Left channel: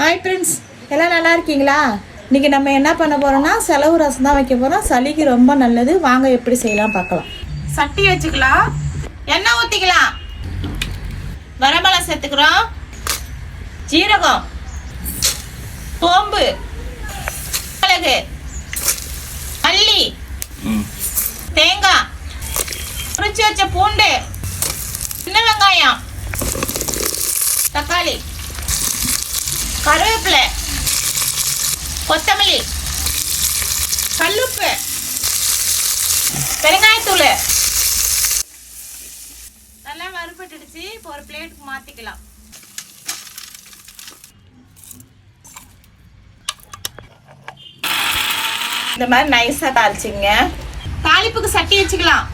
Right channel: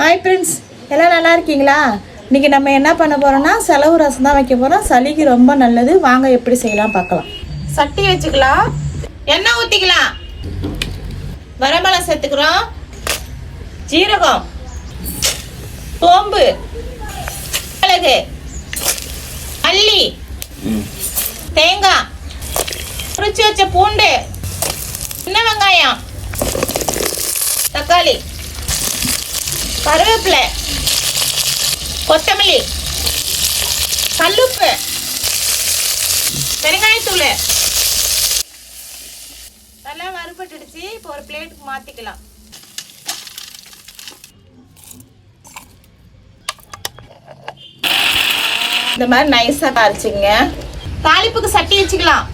Hi friends, எல்லாம் நல்லா இருக்கீங்களா? இன்னைக்கு நம்ம என்ன பண்ண போறோம்னா செலவு ரசம் தான் வைக்க போறோம். சளிக்கு ரொம்ப நல்லது. வாங்க எப்படி செய்யலாம் பார்க்கலாம். சட்டி வச்சுக்கலாம், எண்ணெய் ஊற்றிக்கலாம், வரமிளகாய் சேர்த்துக்கிறோம், ஜீரகம், சோம்பு, மிளகு, மல்லி, தேங்காய், உரிச்சு வச்ச பூண்டு, சின்ன வெங்காயம், தக்காளி, கருவேப்பிலை, கொத்தமல்லி, கல்லுப்பு, பெருங்காயத்தூள் எல்லாம் வறுபட்டுடுச்சு. இப்போ ஒரு பிளேட்டுக்கு மாத்திக்கலாம். இந்த மாதிரி நைஸா தாளிச்சுங்க. தாளிப்புக்கு சட்டி வச்சுக்கலாம்.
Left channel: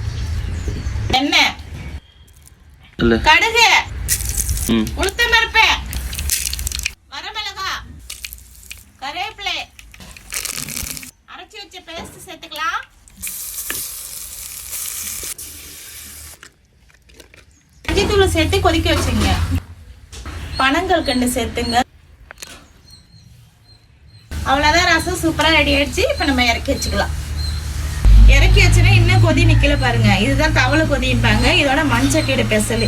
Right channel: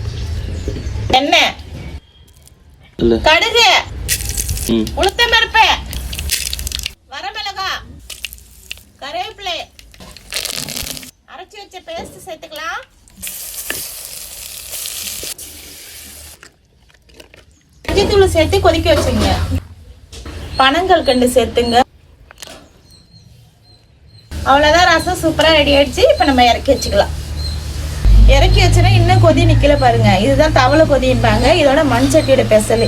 எண்ணெய், கடுகு, உளுத்தம் பருப்பு, வரமிளகாய், கருவேப்பிலை, அரைச்சி வச்ச பேஸ்ட் சேர்த்துக்கலாம். மஞ்சத்தூள் சேர்த்து கொதிக்க வச்சுங்க. பனங்கள் கண்டு சேர்த்துங்க. அவ்வளவுதான், ரசம் சூப்பரா ரெடி ஆயிடுச்சு. இப்ப நம்ம இறக்கி வச்சுக்கலாம். இறக்கி வச்சுன்னா இன்னும் கொதி நிக்கல பாருங்க. இதுதான் தவளை கொதிப்பாங்க. இதோட மண் சட்டியோட பெசல்.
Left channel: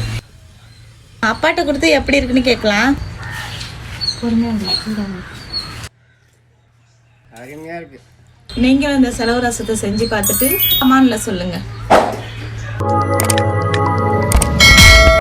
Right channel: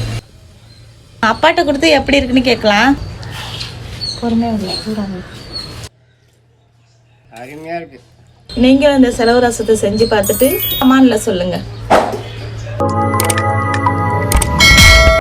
அப்பாட்ட கொடுத்து எப்படி இருக்குன்னு கேட்கலாம். நீங்களும் இந்த செலவு ரசத்தை செஞ்சு பார்த்துட்டு கமெண்ட்ல சொல்லுங்க.